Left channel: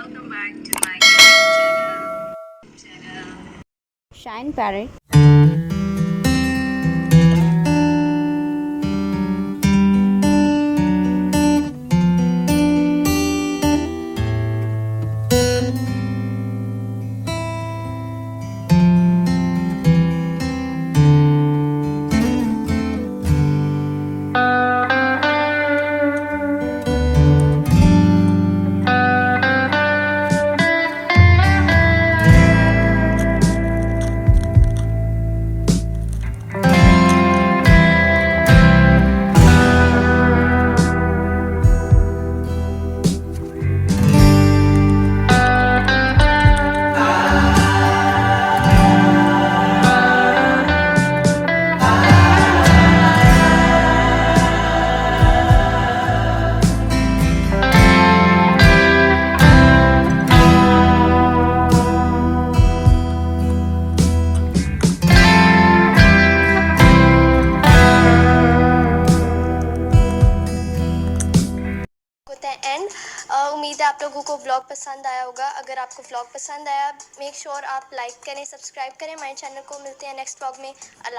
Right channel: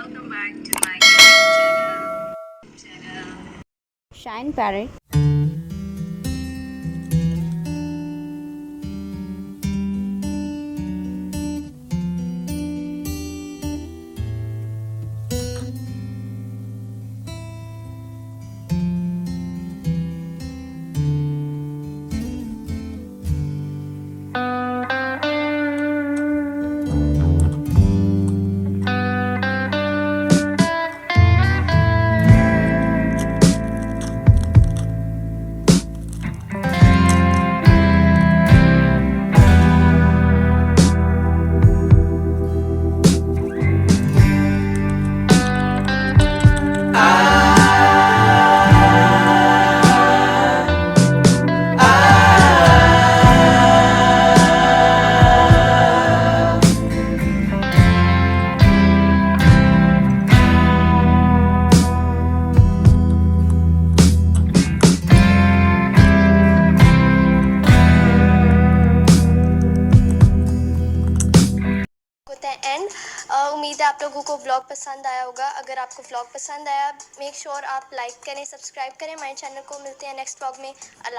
Welcome back to my channel. Shine parrot. होता है and उम्मीद है आप लोगों को ब्लॉग पसंद आया होगा। अगर आपको ब्लॉग पसंद आया मेक श्योर आप लाइक करें, सब्सक्राइब करें हमारे चैनल को। मिलते हैं नेक्स्ट ब्लॉग में। अल्लाह।